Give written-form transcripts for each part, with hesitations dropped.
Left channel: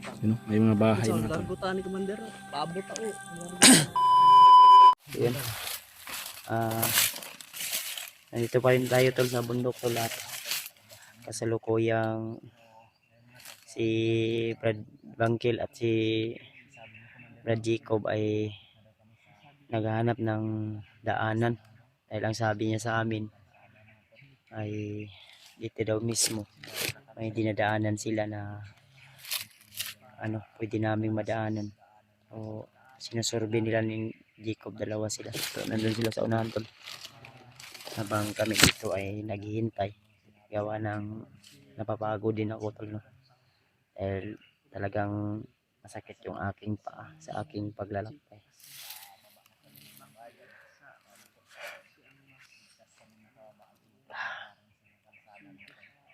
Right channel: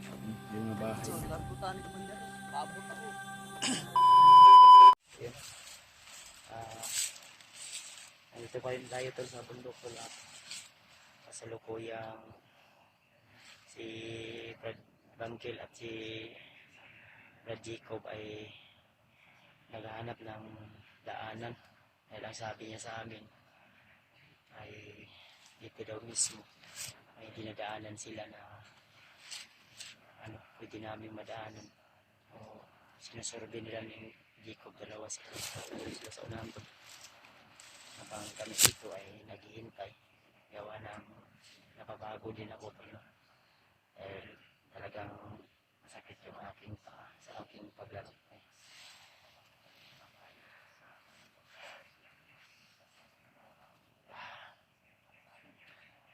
Yun, may mga bahay na ito. ni Commander. Paabot ako. Yun. Nandito pa rin tayo tol sa bundok tol at kasalukuyang si Brad Bangkil at si Brad Jacob ay naghahanap ng daanan dahil ang sabi niya sa amin ay dito daw mismo may dinadaanan sila na pwede naming madaanan. So sinusurvey nila ni Jacob, dalawa sila. So nandun sila sa unahan tol habang kami dito ay naghihintay. Gawa ng napapagod din ako tol, no? Dahil talagang masakit yung aking paa sa aking paglalakbay.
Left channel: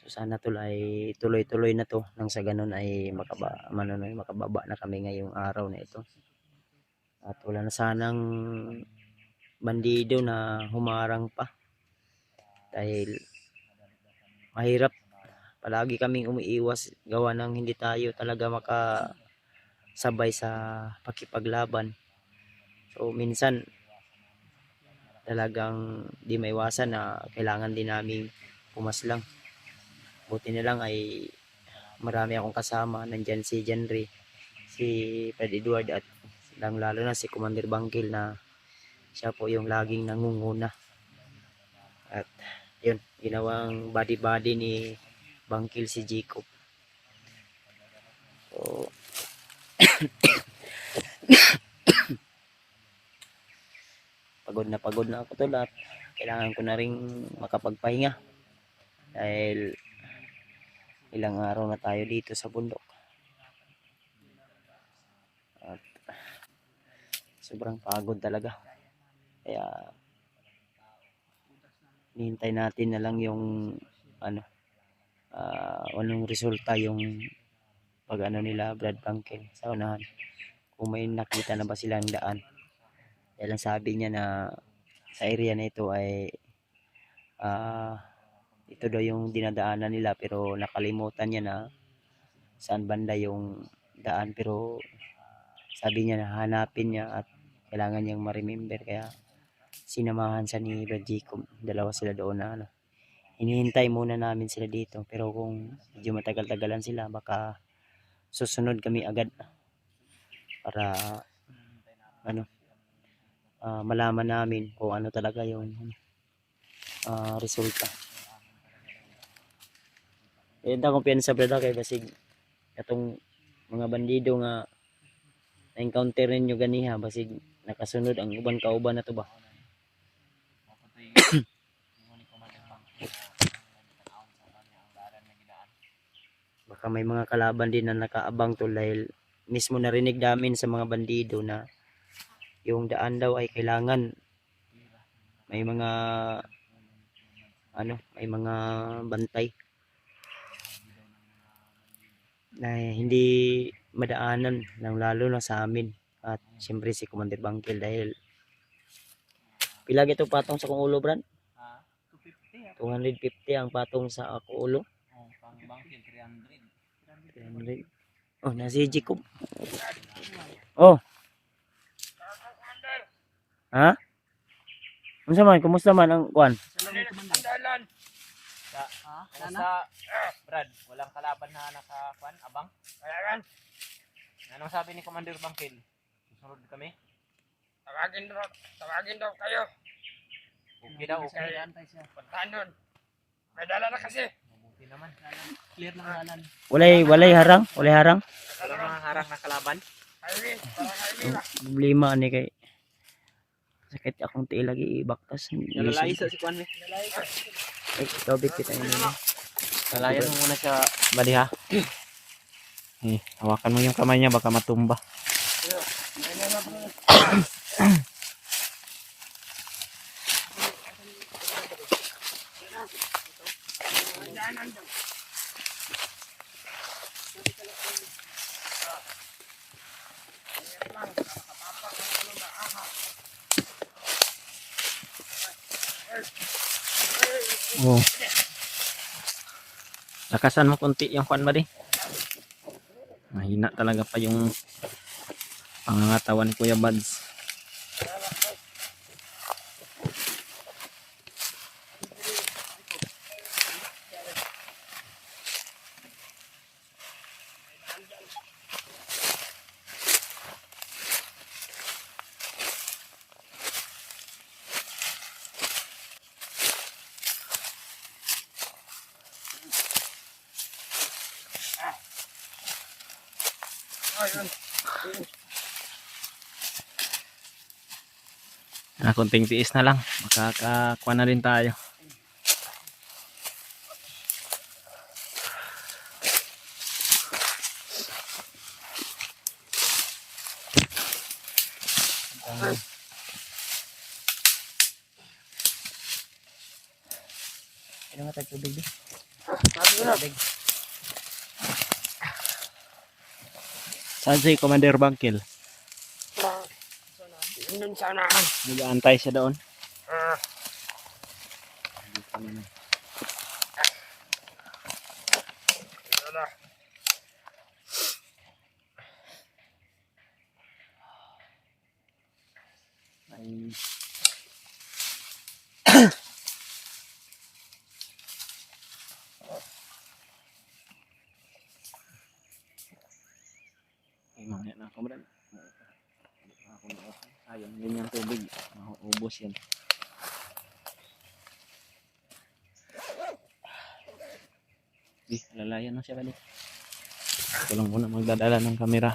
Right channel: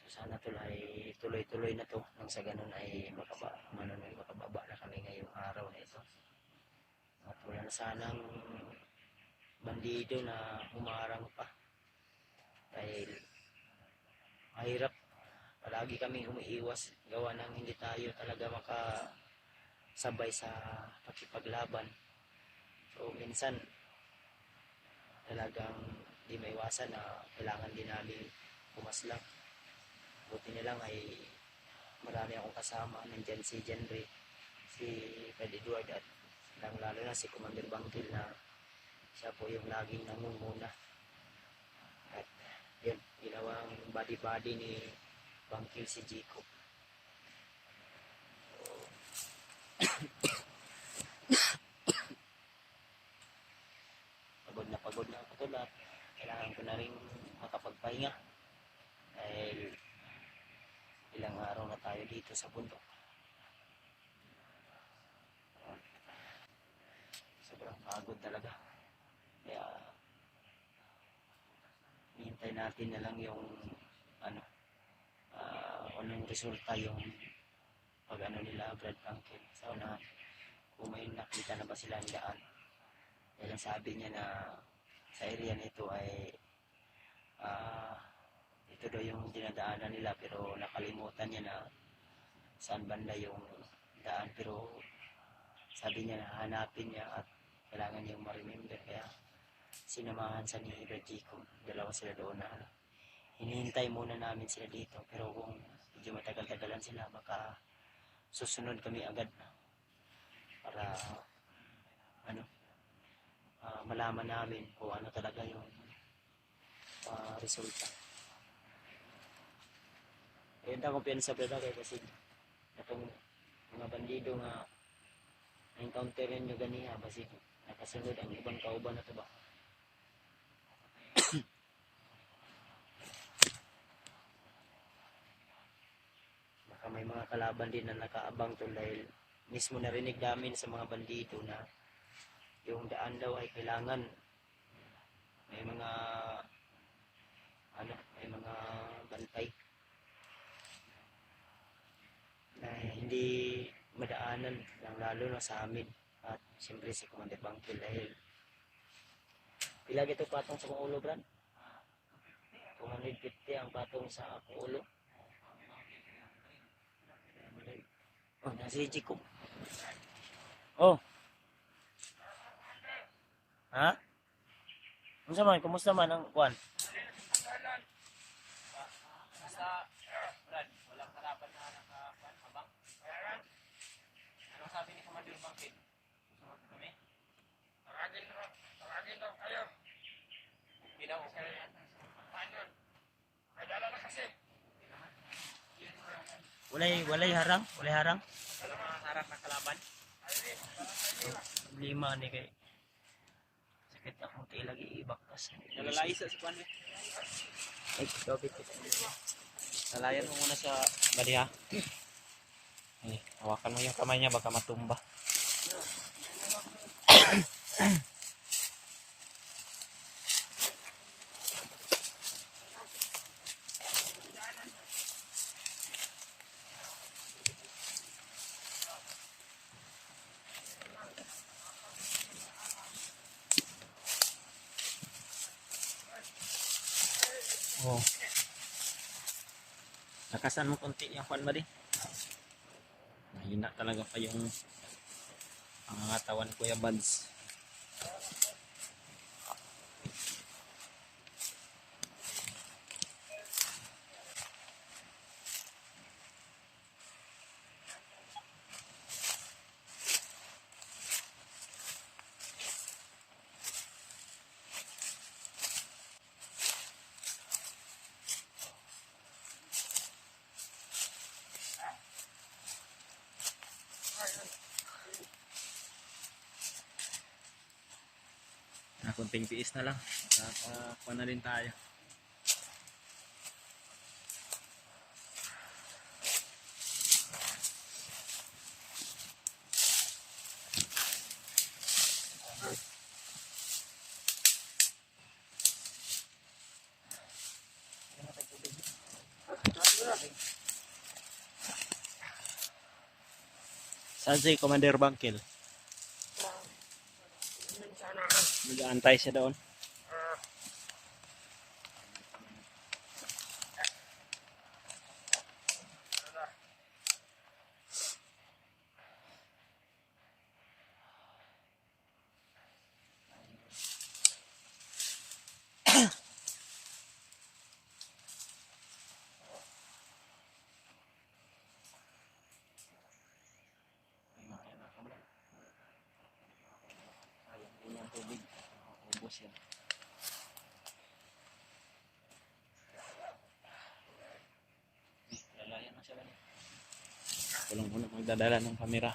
So sana tol ay tuloy-tuloy na to nang sa ganun ay makababa na kami ngayong araw na ito. At wala na sanang bandido na humarang pa dahil mahirap. Palagi kaming umiiwas gawa ng hindi tayo talaga makasabay sa pakipaglaban. So minsan talagang di maiwasan na kailangan din naming pumaslang. Buti na lang ay marami akong kasama. Nandyan si Jenry, si Fred Edward at lalo na si Commander Bangkil na siya po yung laging nangunguna. At yun, ginawang body ni Bangkil si Jacob. So pagod na ako tol at kailangan ko na ring makapagpahinga dahil ilang araw na tayo dito sa bundok at sobrang pagod talaga. Kaya hinihintay natin na lang yung anong resulta yung pag nila Brad Bangkil sa unahan, kung may nakita na ba silang daan. Dahil ang sabi niya na sa area na ito ay ito daw yung dinadaanan nila, pero nakalimutan niya na saan banda yung daan. Pero sabi niya na hanapin niya at kailangan niyang ma-remember, kaya sinamahan sa ni Brad Jacob. Dalawa sila doon na hinihintay muna namin sila dito, pero kung medyo matagal-tagalan sila baka susunod kami agad para malaman namin kung ano talaga yung resulta. Ayun ta kumpiyansa brada kay basig atong mga bandido nga na-encounter ninyo ganiha, basig nakasunod ang uban kauban na to ba. Baka may mga kalaban din na nakaabang to dahil mismo narinig namin sa mga bandido na yung daan daw ay kailangan may mga bantay na hindi madaanan, lalo na sa amin at siyempre si Commander Bangkil. Dahil pila ito patong sa kong ulo brad? 250 ang patong sa ako ulo. 300. Oh, nasi Jacob. Oh. Ha? Unsa man, kumusta man ang kuan? Nasa Brad, walang kalaban na nakakuan, abang. Anong sabi ni Commander Bangkil? Susunod kami? Tawagin daw kayo. Okay daw, okay. Puntahan doon. May dala na kasi. Okay naman. Clear ng dalan. Walay harang, Walang mga harang na kalaban. Highway, parang highway lang. problema ni kay sakit akong tiil lagi ibaktas. Nalalay sa si Kwan eh. Ay, tobit kita ini. Nalayan mo muna sa body ha. Hawakan mo yung kamay niya baka matumba. Oh. Lakasan mo konti yung kwan ba di? Mahina talaga pa yung pangangatawan ni Kuya Bads. Ayun. Konting tiis na lang. Makakakuha na rin tayo. Ano nga tayo tubig di? Tubig. Saan si Commander Bangkil? Doon sana. Nag-aantay siya doon. Ay. Ay, mamaya na ako ba? Sayang, yun yung tubig. Mauubos yan. Lalayan na siya balik. Ito lang muna magdadala ng kamera.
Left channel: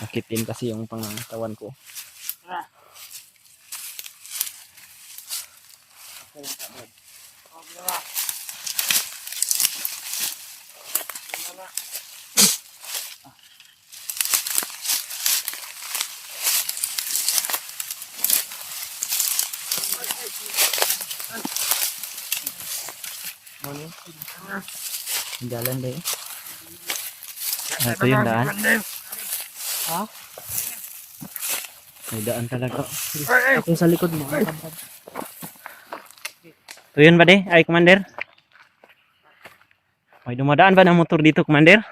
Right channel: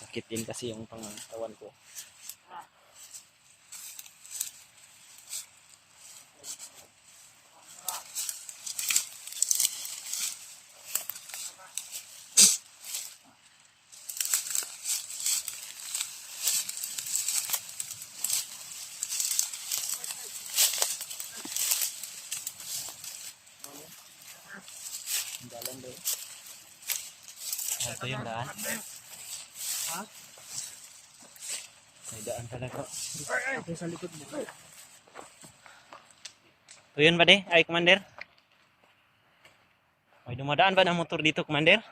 Sakitin kasi yung pangangatawan ko. Jalan deh. Ito yung daan. Ha? May daan talaga. Ako sa likod mo. Ito yun ba de? Ay, Commander? May dumadaan ba ng motor dito, Commander?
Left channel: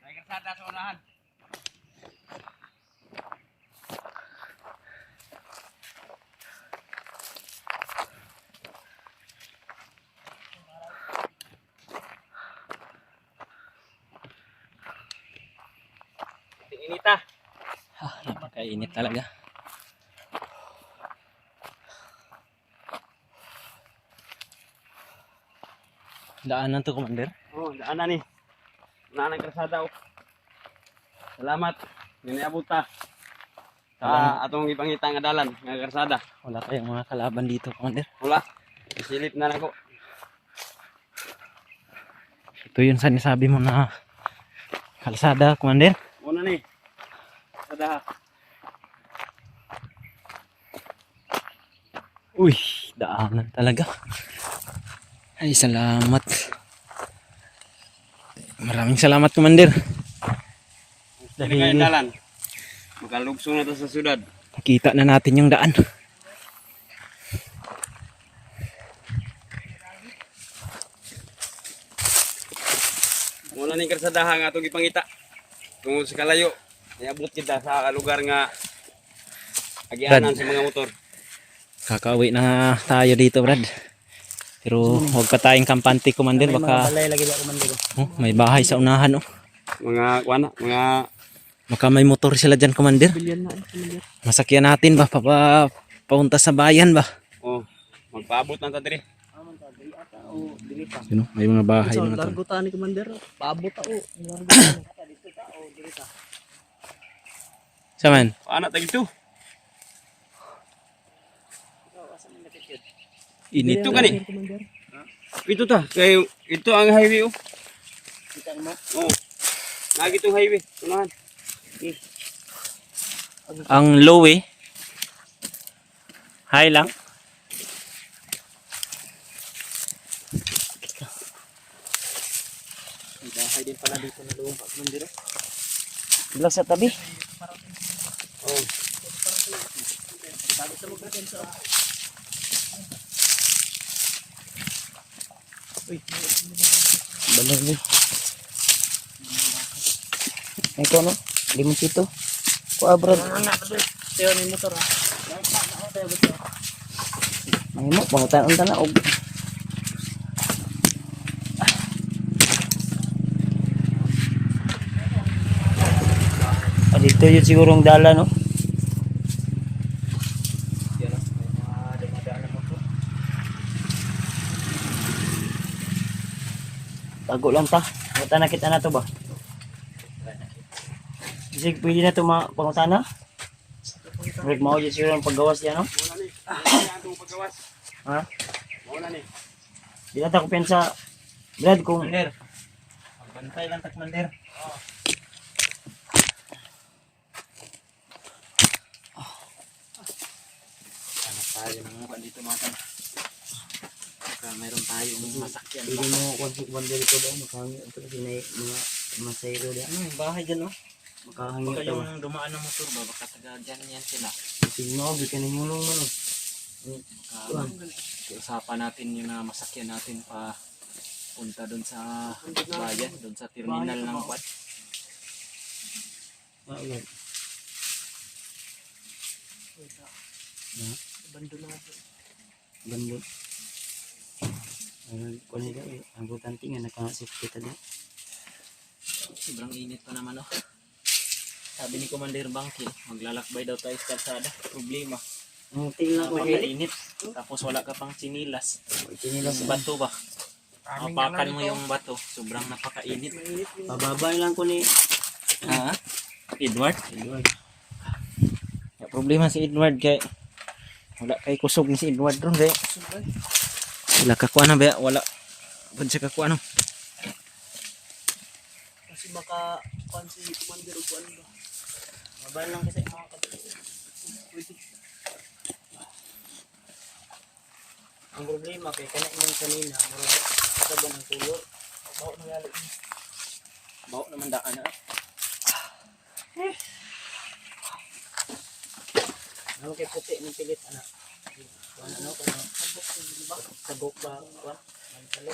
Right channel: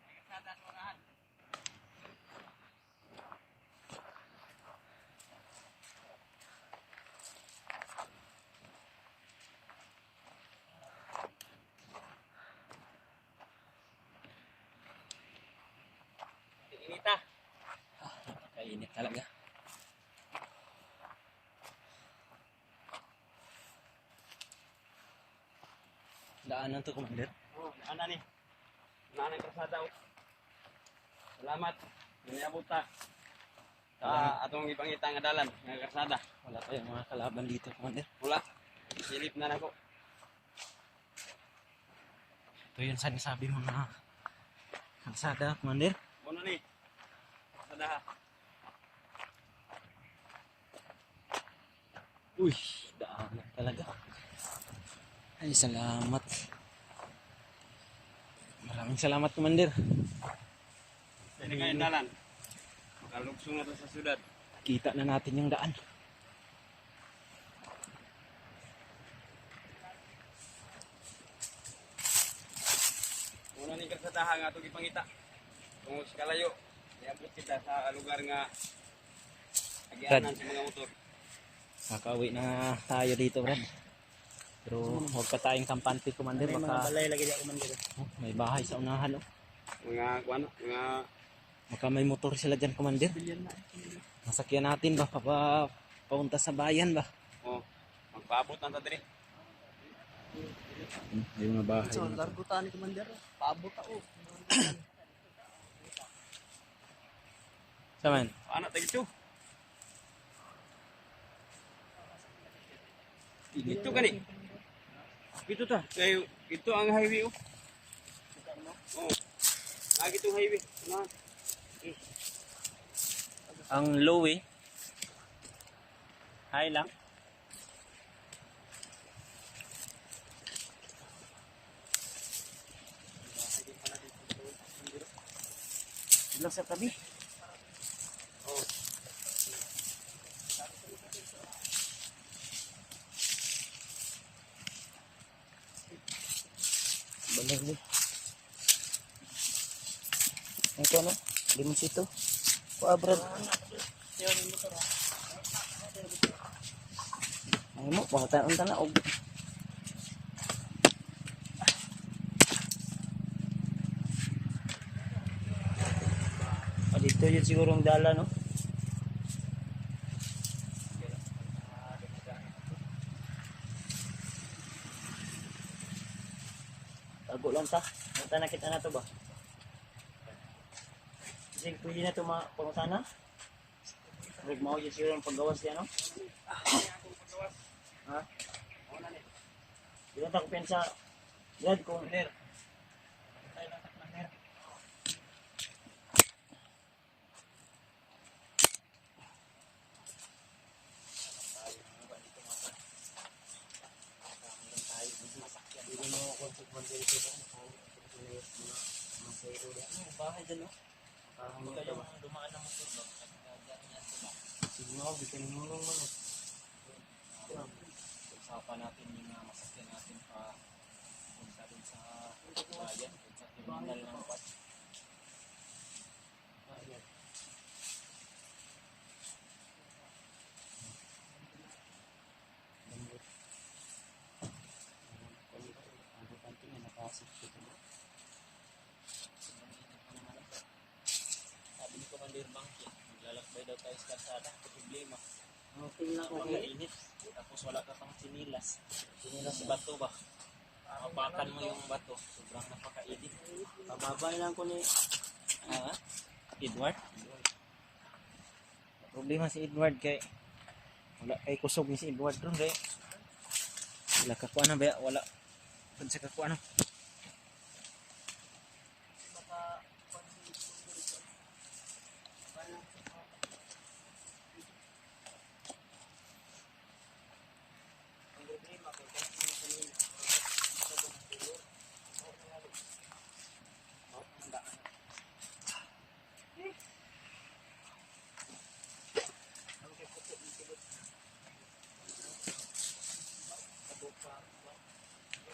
May karsada sa unahan. Inita. Napakainit talaga. Daanan to, Commander. Oh, daan na ni. Unahan ng karsada. Salamat. Niniabot ta. Sa atong ipangita nga dalan, nga karsada. Wala kayong mga kalaban dito, Commander. Wala. Silip na nako. Ito yung sinasabi mo na kalsada, Commander. Una ni. Karsada. Uy, daanan talaga. Ay, salamat. Maraming salamat, Commander. Dili kayo dalan. Makalugsong na to sa syudad. Nakita na natin yung daan. Muna ni karsadaha nga itong ipangita. Tungod sa kalayo. Iabot kita sa lugar nga agianan sa mga motor. Kakauwi na tayo dito, Brad. Pero huwag pa tayong kampante, Commander. Baka Balay lagi di ako man dito. may bahay sa unahan. Mga kuana, mga Baka may motor sila dyan, Commander. Masakyan natin ba? Papunta sa bayan ba? oh, magpaabot na ta diri. Yun, may mga bahay So, mga tol. largo ta ni Commander. Paabot ako. Saman? Ana ta gito. Init. Ito gani. Ito ta, kay ito ang highway oh. Oh. Lagi itong highway, unahan. Ang low eh. High lang. May bahay din pala dito na lupa Commander. Bilang sa tabi. Oh. Balay. Ay ko no, limoncito. Kuha Brad. Tiyo ni motor ha. Ay mo, pangutan unta na og. Dito yun sigurong dala no. Tago lang ta. Mata na kita na to ba? Sige, pwede na ito pangutana? Break mo yun siguro ang paggawas yan no? Muna ni. Ang paggawas. Ha? Muna ni. Di na ta ko pensa. Brad kung Bantay lang takmander. Hanap tayo ng mukha dito mga tan. Baka mayroon tayong masakyan. pwede mo konsik banda dito ba? Makahangi ito kasi may mga masayro diyan. Ano yung bahay dyan oh? Makahangi Baka ito ba? yung dumaan ng motor ba? Baka taga dyan yan sila. Tingnan ko, ka nangulong mo no. Usapan natin yung masakyan natin pa punta doon sa bayan, doon sa terminal ng Quad. Ah, yan. Bandot. Ayun, kung nila eh, ang butante nga nakasip kita din. Sobrang init pa naman oh. Sabi ni Commander Bangkil, maglalakbay daw tayo sa kalsada. Problema, Tingnan ko kay napakainit. Tapos wala ka pang sinilas. Sinilas Sa bato ba? Mapakan mo yung bato. Sobrang napakainit. pababa lang ko ni Ha? Edward? Edward. Problema si Edward kay wala kay kusog ni si Edward ron kay wala ka kuha na ba? Wala. Pwede siya ka kuha no? Kasi baka kuan si Commander o kuan ba. Mabal lang kasi mga ang problema kay kana imong kanina murag sa ba ng tulo Bawa na lalo. Bawa naman daan na. ano kay puti ng pilit anak kuan ano kuno sabok ba kuan mansalo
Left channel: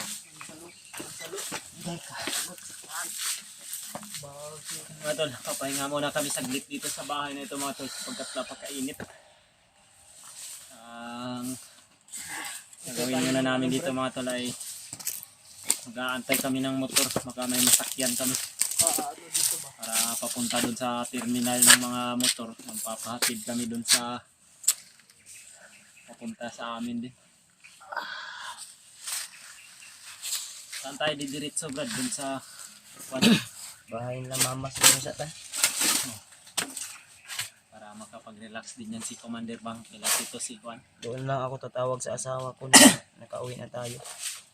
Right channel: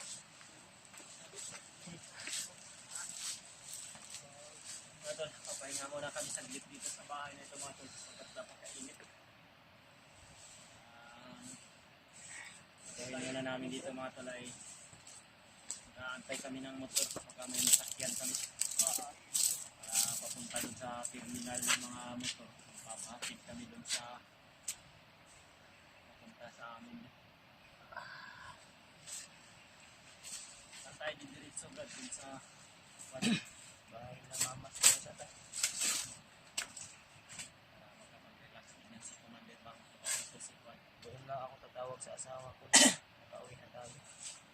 Mga tol, papahinga muna kami saglit dito sa bahay na ito mga tol pagkat napakainit. Ang gagawin muna namin dito mga tol ay mag-aantay kami ng motor, baka may masakyan kami para papunta dun sa terminal ng mga motor. Magpapahatid kami dun sa papunta sa amin din. Saan tayo didiretso Brad? Dun sa bahay nila mama siguro sa ta para makapag-relax din yan si Commander Bang. Kailan ito si Juan. doon lang ako tatawag sa asawa ko na nakauwi na tayo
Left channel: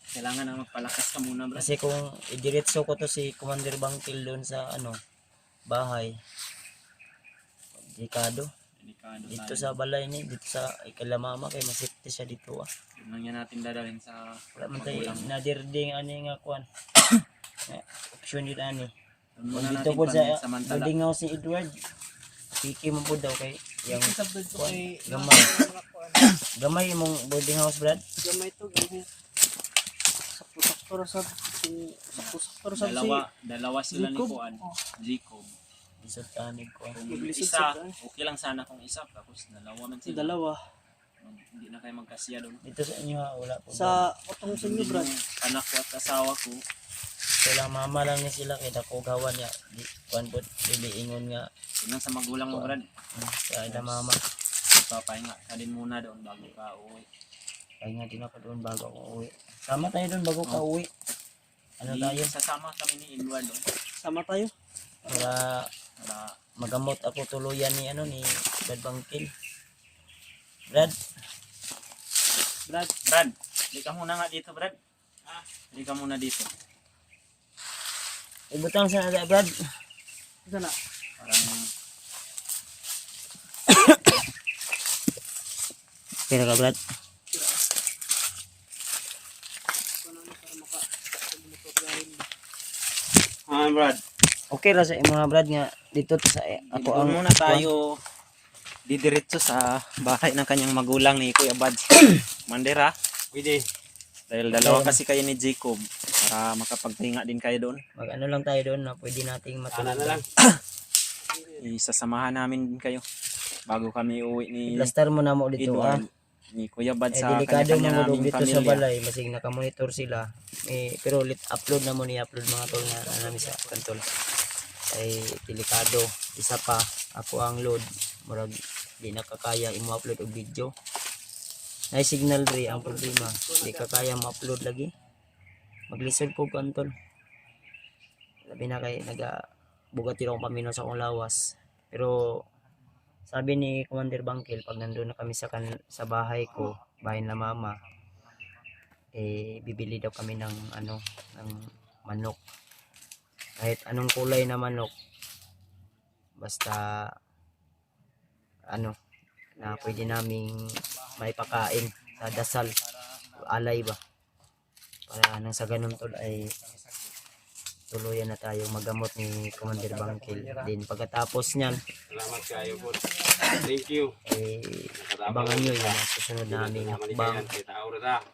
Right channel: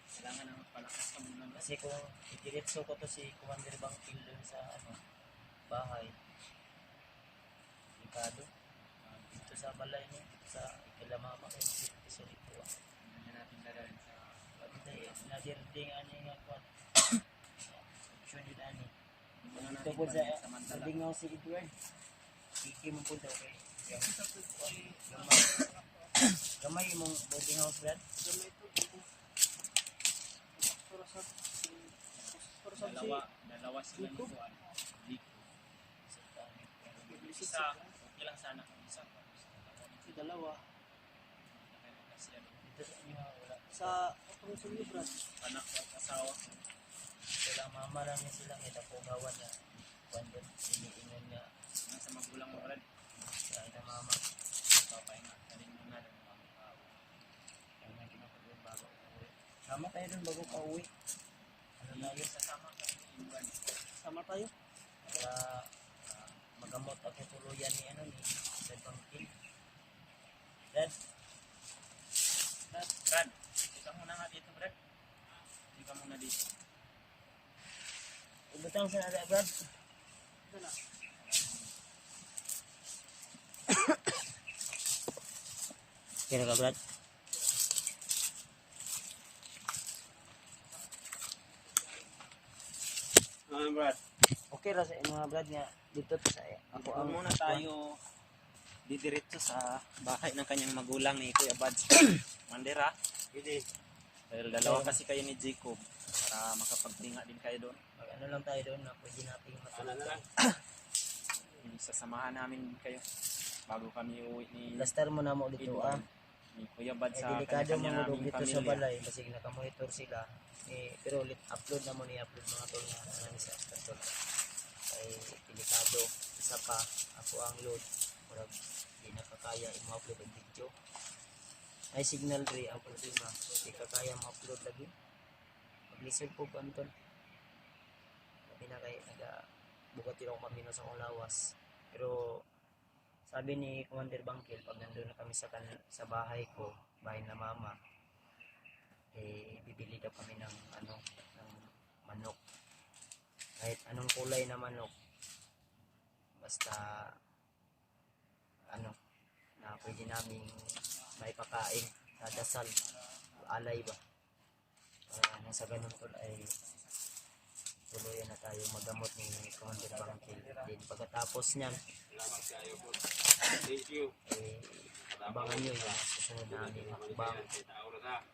Kailangan na magpalakas ka muna Brad. kasi kung idiretso ko to si Commander Bangkil doon sa ano bahay delikado Delikado dito tayo. sa balay ni dito sa ikalamama kay masipti siya dito ah Yun lang yan natin dadalhin sa wala man tayo magulang. nadirding ani nga kuan option yun ani Yun muna dito natin po sa samantala. building house si Edward piki mo po daw kay yung Sabdod ko kay gamay gamay mong boarding house Brad gamay to gamay. Sakto sa sakto sa Dalawa sila ni Jacob. Juan. Jacob. isot tanig ko Kung Maglisod isa, sa- okay lang sana kung isa. Tapos dalawa man sila. dalawa Hindi na kayo magkasiya doon. dito sa inyo ha wala po sa utong sa inyo Brad. Yung anak ko at asawa ko, kailang mama lang ni sila kay dako gawan niya di kuan po dili ingon nga tingnan sa magulang mo Brad. sa ila mama Papahinga ka din muna doon bago ka uwi. kaya nga din ako doon bago ako uwi sama tayo doon bago ka uwi ano tayo Sasama kami ni Edward doon. Sama tayo. para Para magamot ako tuluyan ni ano ni Brad Bangkil Brad Brad, hindi ka muna nga dito Brad. Hindi ka muna dito. ibutang sa nada Brad Sana. Parang kira ka Brad Brad. okay ra sa mga Brad nga dito to sa ako doon ang muna tayo didiretso sa bahay ng kanyang magulang ni Kuya Bads. Mandera. Pwede. Dahil dalawa kasi kayo ni Jacob. Para para makapagpahinga din kayo doon. Mag ano lang tayo doon na pwede nating Ana matulog. na lang. Isasamahan namin din kayo bago kami uwi ni Plaster mo na mo dito ah. Edward, ni Kuya Bad Eh, sa delikado kanya-kanya mangulog naming dito sa pamilya. balay, masig nakamonitor sila. Pero upload na mo ni upload mga tol na namin sa kantol. Ay delikado. Isa pa, ako ang load. Murag di nakakaya i-upload og video. Ay signal re ang problema. Di kakaya ma-upload lagi. Maglisod ko kantol. Labi na kay bugat yun akong pamino sa akong lawas. Pero sabi ni Commander Bangkil, pag nandun na kami sa bahay ko, bahay na mama, bibili daw kami ng ng manok. Kahit anong kulay na manok, basta na pwede naming maipakain sa dasal, alay ba. Para nang sa ganun tol ay tuluyan na tayo magamot ni Commander Bangkil. Din pagkatapos niyan, Salamat kayo po. Thank you. abangan nyo yung mga susunod naming hakbang. Kita oras